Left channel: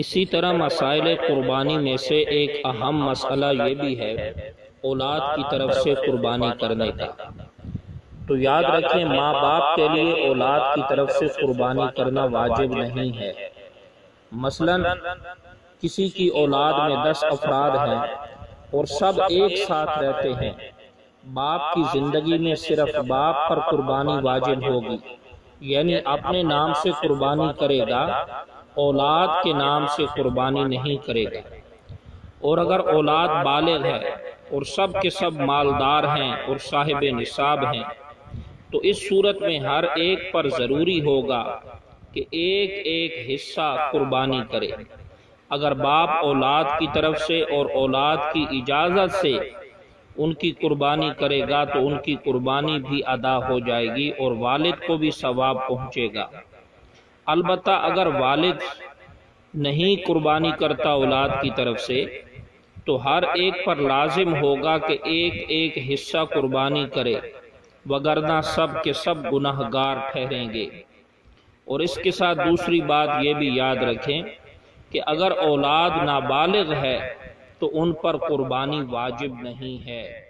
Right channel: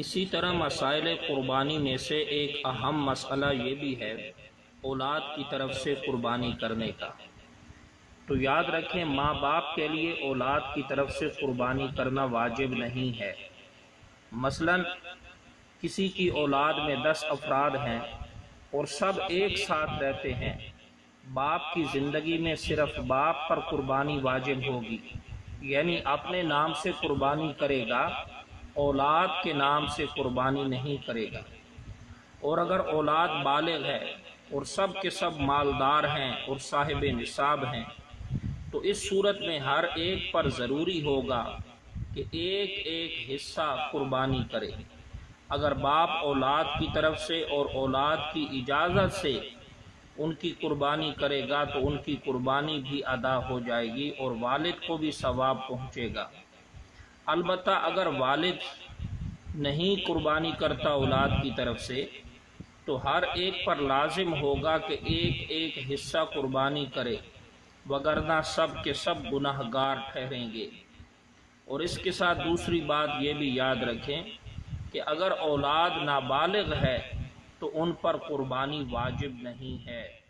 اسی طرح مسائل قربانی میں سے ایک اہم مسئلہ یہ بھی ہے اولاد کی طرف سے قربانی کرنے کا۔ تو یاد رکھیں ماں باپ کے لیے اولاد کی طرف سے قربانی کرنا واجب نہیں ہے۔ مثلا کسی کی اولاد میں 10 افراد ہیں اور سب ایک ساتھ رہتے ہیں، باپ کی زندگی میں صرف باپ پر قربانی واجب ہوگی، یعنی اپنے نام سے قربانی کرے گا، اولاد کے نام سے قربانی نہیں کرے گا۔ اور اگر اولاد بالغ ہے اور سب کے سب مالدار ہیں اور صاحب نصاب ہیں تو اس صورت میں ہر ایک پر ضروری ہوگا کہ ایک ایک حصہ قربانی کرے۔ اگر باپ اولاد کی طرف سے اور اولاد کی اجازت سے ان کی قربانی کرے گا تو ان کی قربانی بھی ادا ہو جائے گی اور والد کو بھی ثواب پہنچے گا۔ البتہ اگر والد نہیں قربانی کرتا اولاد کی طرف سے تو ہر ایک پر لازم ہوگا کہ ایک ایک حصہ قربانی کرے، وگرنہ سب کے سب گناہ گار ٹھہریں گے۔ اور اس کے ساتھ دوسری بات یہ بھی یاد رکھیں کہ اگر اولاد نابالغ ہے تو ان پر قربانی واجب نہیں ہے۔